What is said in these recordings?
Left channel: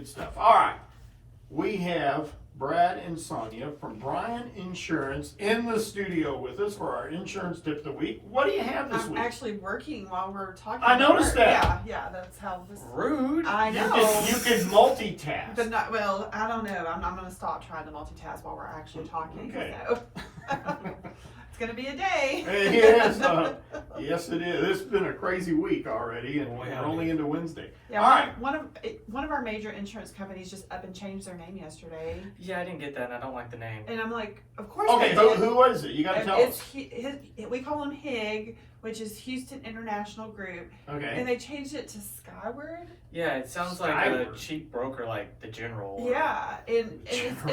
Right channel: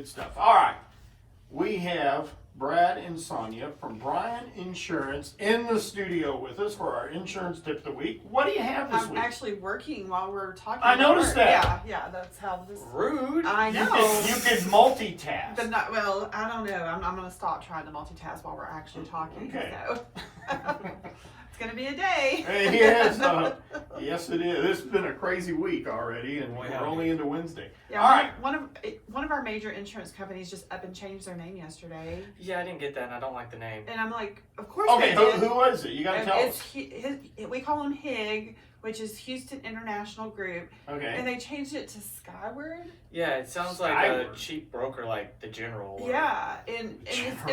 Good stuff. All right. We have Brad and Sonia from Bryan Insurance in the studio with us for our insurance tip of the week. What do you have this I'm week? actually working while we're talking. I noticed that. Yeah, that's how this. Rude. I know. You could multitask. But not, well, I don't know. I'm going to stop trying to multitask while we're actually talking. Okay. So. It's going to be a day. It is. Yes, it is. It's been a crazy week already, and we're only into Wednesday. Yeah, All right. One of our major insurance companies just up and changed their name yesterday. Yeah, I didn't get that, and I don't like the name. And I'm like, of course Okay, they did. who was it? You got to tell us. We call them HIG, which is Houston International Group. Okay. And they changed it to Skyward. Yeah, it sounds like Skyward. a cheap broker like the General. Yeah, and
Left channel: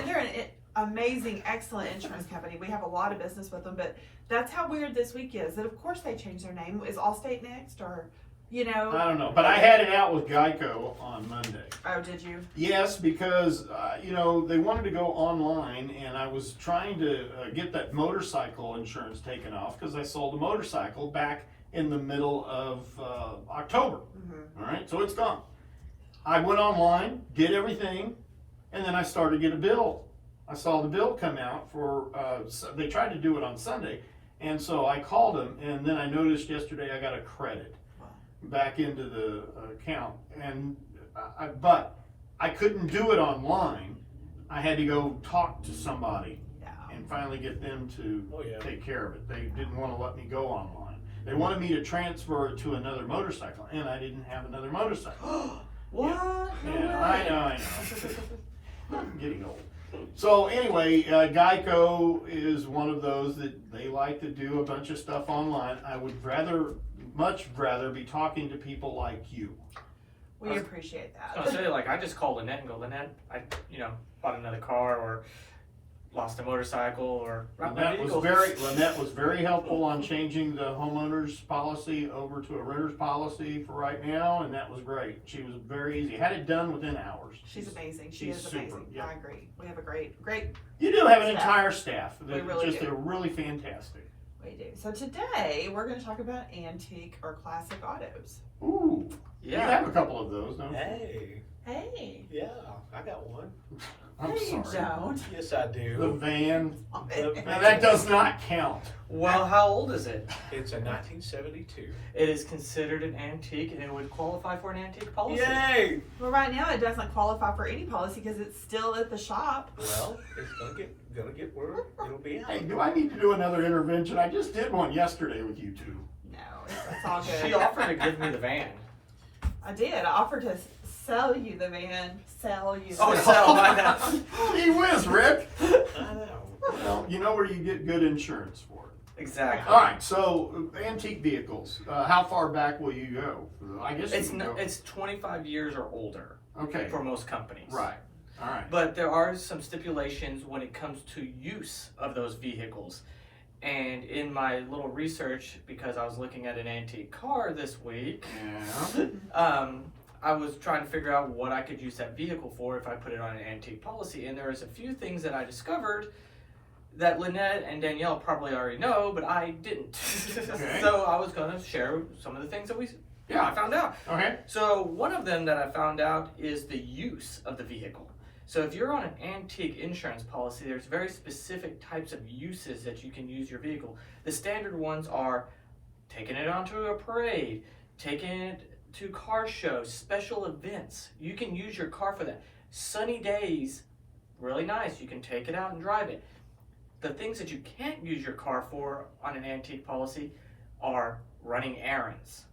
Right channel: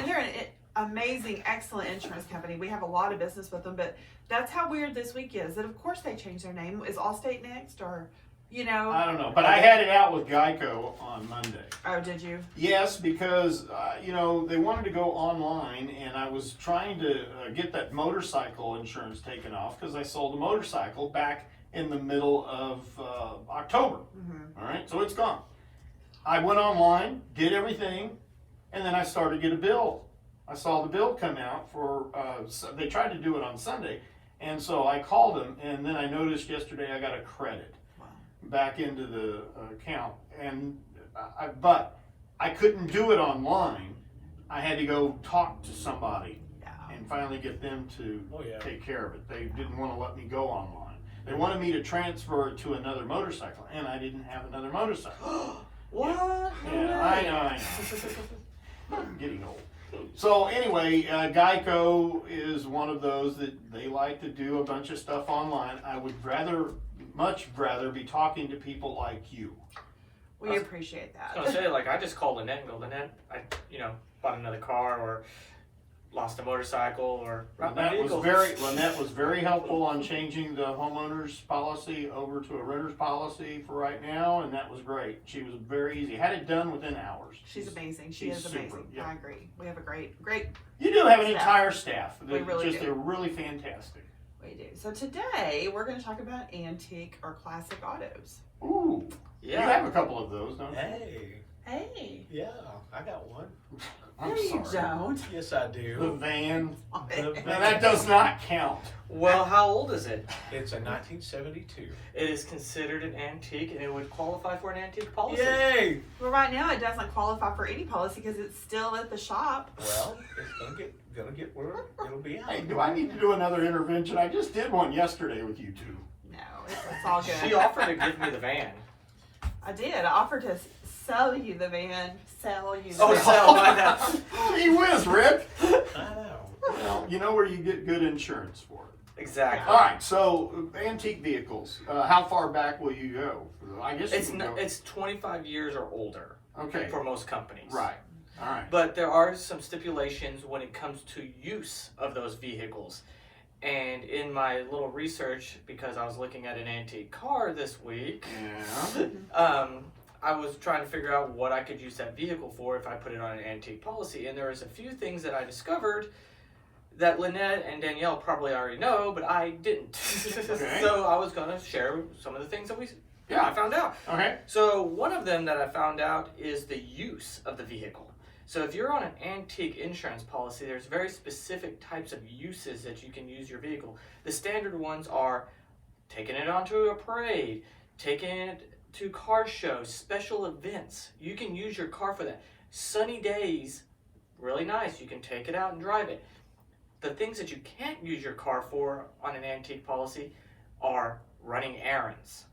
they're an amazing, excellent insurance company. We have a lot of business with them, but that's how weird this week is. That of course they changed their name. Is Allstate next, or you know? I don't know, but I had it out with Geico on Monday. Oh, did you? Yes, because they wanted to go online, and I was trying to get that motorcycle insurance taken off because I sold a motorcycle back in the middle of October. Mm-hmm. All right, so it's gone. I went online, did everything, and then I started to get a bill. I saw the bill come out for, they tried to do it on Sunday, and so I called them, and then I noticed yesterday I got a credit back into the account, and but I couldn't do it online. I had to go talk to somebody and finally get them to take care of it. They didn't want to let me go online. They wanted me to transfer it to another motorcycle, and I didn't have another motorcycle. What? Yeah, I know. I'm getting old. So anyway, Geico is one of those that they like to do a bunch of stuff online. I would much rather be talking to people like you. We appreciate that. I was gonna say, like, I just called Lynette and go, Lynette, I bought another car or lost a motorcycle or Lynette was very helpful on changing the homeowner's policy over to a renter's policy for right now, and that was great. She was very easy. Had it done within hours. She's amazing. She is super, amazing. yeah. I agree. We have a great. You do have an staff. entire staff. We really do. They're really fantastic. We do. So today we're going to talk about antique or classic autos. Ooh. Yeah. We have a couple of those, don't we? Hey. Yeah, I got one. I'm No, you sorry. don't. Yes, I The do. van. The Now that does not count. Well, how old is it? It's a 1972. It is considered an antique, and it would qualify for an antique policy. Yay! Well, right now it doesn't qualify for any policy because it's still at the shop. Well, it's gonna get where it'll be. Hey, do I need to do another intervention? I just did one yesterday with you two. No, it's all good. She offered to give me the van. I did. I offered to sell you the van. Sell you the Oh, van. sell my van. Gee whiz, Rick. I know. Well, you know where you get good insurance for it. Exactly. All right, so antique vehicles. How far back will you go? I guess you can go. It's 25 years or older Okay. for most companies. Right. All right. But there are some stipulations when it comes to use of those vehicles. And in my little research, because I was looking at an antique car this week, Yeah. I was trying to figure out what I could use that vehicle for if I put it on an antique policy. And there was a few things that I discovered that Lynette and Danielle probably already know, but I didn't. Okay. So I was going to share some of the things that I found out. Okay. So one of them that I found out is the use of the vehicle. So if you're on an antique insurance policy, there's very specific types of uses that you can use your vehicle. The standard ones are taking it onto a parade, taking it to car shows, special events. You can use your car for that. Sunny days, really nice. You can take it out and drive it. The things that you can't use your car for on an antique policy are running errands,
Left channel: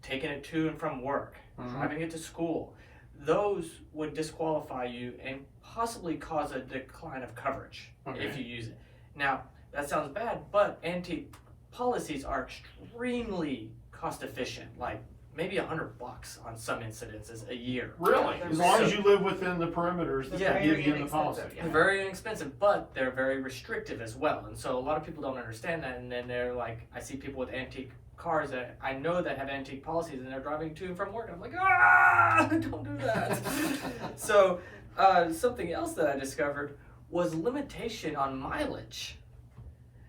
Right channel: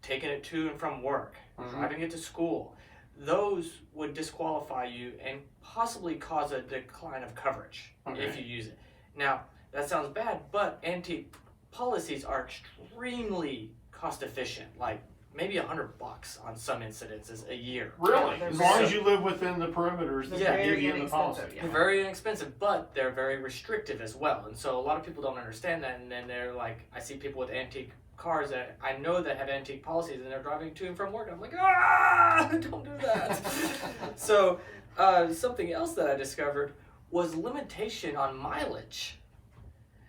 taking it to and from work, driving it to school. Those would disqualify you and possibly cause a decline of coverage if you use it. Now, that sounds bad, but antique policies are extremely cost efficient, like maybe $100 on some incidences a year. Really? As long as you live within the perimeters that Yeah. they give you in the policy. They're very inexpensive, but they're very restrictive as well. And so a lot of people don't understand that. And then they're like, I see people with antique cars that I know that have antique policies and they're driving to and from work. And I'm like, don't do that. So something else that I discovered was limitation on mileage.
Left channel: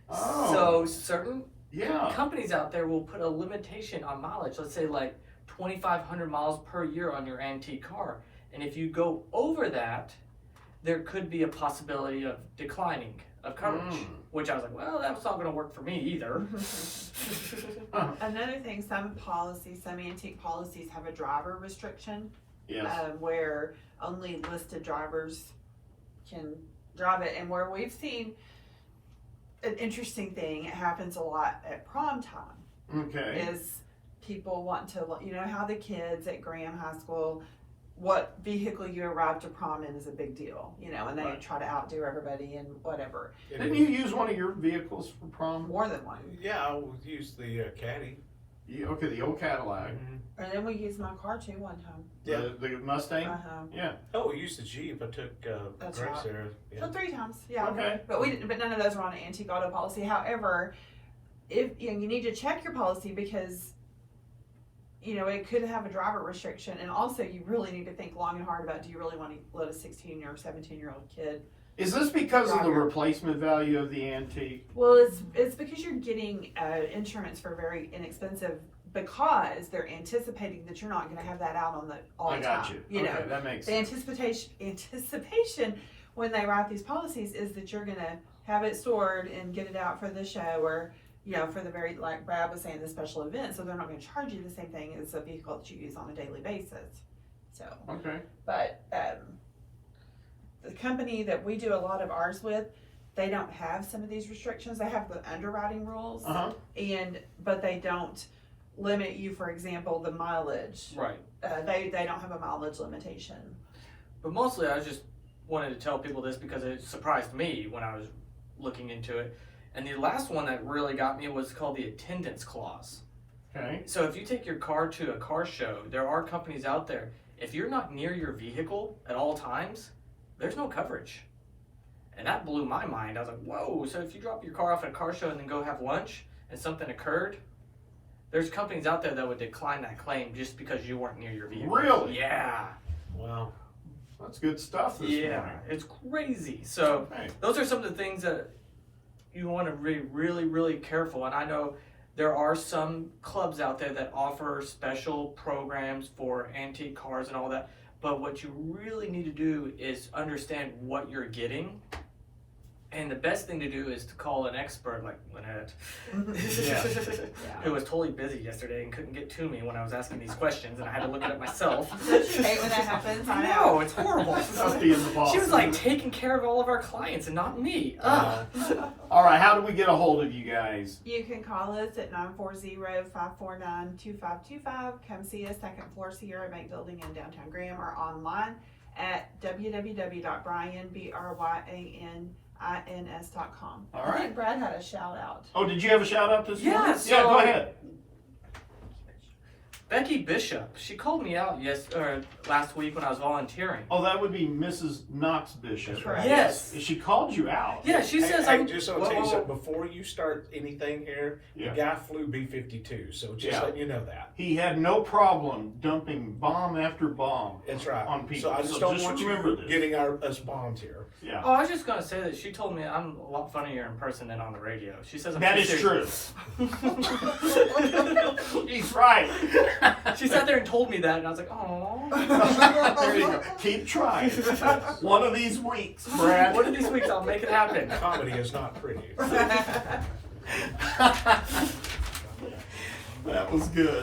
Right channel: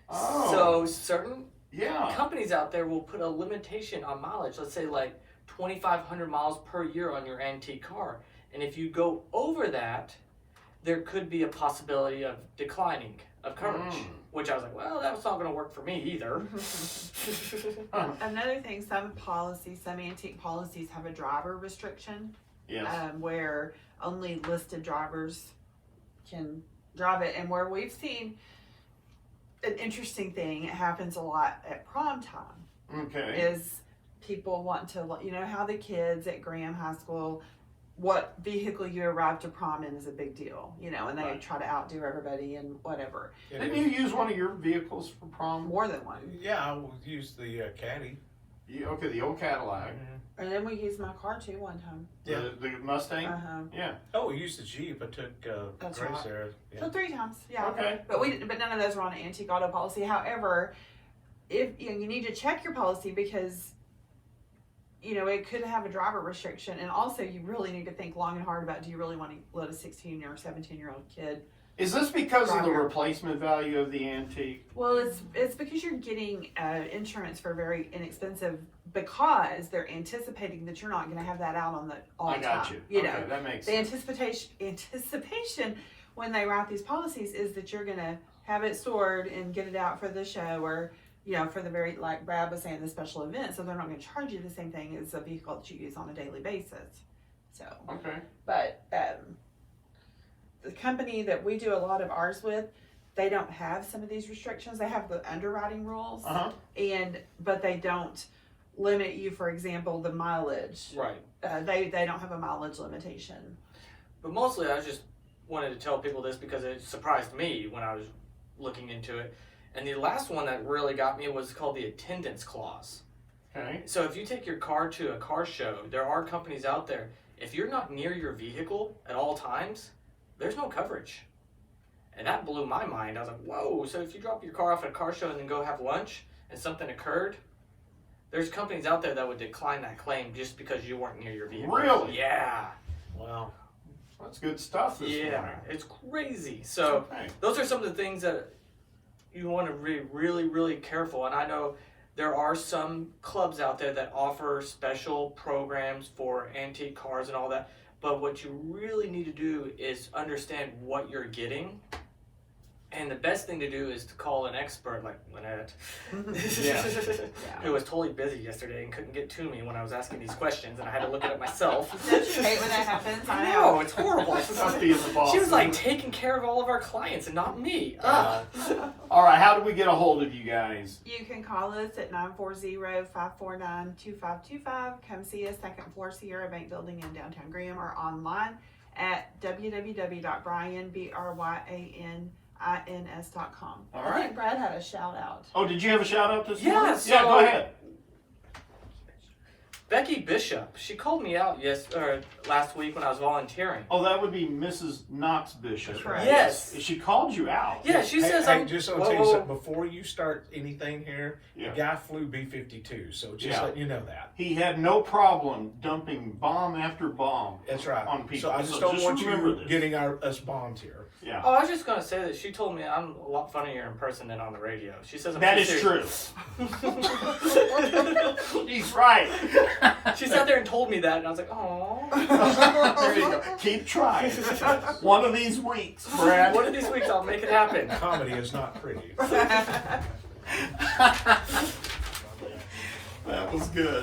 Oh. So certain Yeah. companies out there will put a limitation on mileage. Let's say like 2,500 miles per year on your antique car. And if you go over that, there could be a possibility of declining of coverage, which I was like, well, that's not going to work for me either. Another thing, some antique policies have a driver restriction, Yes. where only listed drivers can drive it, and where we've seen an interesting thing, it happens a lot at prom time, Okay. is people want to, you know how the kids at Graham High School, what vehicle you arrive to prom in is a big deal, you know, and they Right. try to outdo everybody and whatever. Didn't you use one of your vehicles for prom? More than one. Yeah, I would use the Caddy. Okay, the old Cadillac. And then we used my car too one time. Yeah. The Mustang? Yeah. Oh, we used the Jeep. I took That's Grace right. there. Yeah. So 3 times, yeah. Okay. But none of those were on an antique auto policy. However, if you need to check your policy because it could have a driver restriction, and also you really need to think long and hard about, do you really want to let a 16 or 17-year-old kid? Is this because of the Driver. replacement value of the antique? Well, it's because you're getting insurance for very inexpensive, because they're anticipating that you're not going to have that out on all the I got time. you. You Okay, know, that makes the sense. anticipation when they write these policies is that you're going to have it stored and get it out for the show, or for the very, like Brad was saying, the special event. So they're not going to charge you the same thing as a vehicle that you use on a daily basis. So, Okay. but the company that we do a lot of ours with, they don't have some of these restrictions. They have the underwriting rules, but they don't limit you, for example, the mileage. Right. They don't have a mileage limitation. But mostly I just wanted to tell people this because it surprised me when I was looking into it. And the last one that really got me was called the attendance clause. Okay. So if you take your car to a car show, there are companies out there, if you're not near your vehicle at all times, there's no coverage. And that blew my mind. I was like, whoa, so if you drop your car off at a car show and then go have lunch and something occurred, there's companies out there that would decline that claim just because you weren't near your vehicle. Really? Yeah. Wow. That's good stuff this morning. It's crazy. So Okay. those are some of the things that you want to be really, really careful. And I know there are some clubs out there that offer special programs for antique cars and all that. But what you really need to do is understand what you're getting. And the best thing to do is to call an expert like Lynette, who was totally busy yesterday and couldn't get to me when I was asking these questions, and I had to look it up myself. Hate when that happens. I know, it's horrible. Tough being the boss. She was like taking care of all of our clients and not me. Ugh. All right, how do we get a hold of you guys? You can call us at 940-549-2525. Come see us, second floor Sierra Bank Building in downtown Graham, or online at www.bryanbryans.com. All I right. think Brad had a shout out. Oh, did you have a shout out this Yeah, morning? so- Yeah, go ahead. Becky Bishop, she called me out last week when I was volunteering. Oh, that would be Mrs. Knox Bishop. Correct. Yes. She called you out. Yeah, she says I'm. just want to tell you something. Before you start anything here, Yeah. the guy flew B-52, so just letting you know that. He had no problem dumping bomb after bomb. That's right. On people. So I just So don't just want remember you this. getting us bombed here. Yeah. Oh, I was just gonna say that she told me I'm a lot funnier in person than on the radio. She says I'm That too is serious. true. He's right. She sat there and told me that, and I was like, oh. There you go. Keep trying. One of these weeks, Brad. One of these weeks I'll make it happen. Comedy is not pretty. That was good.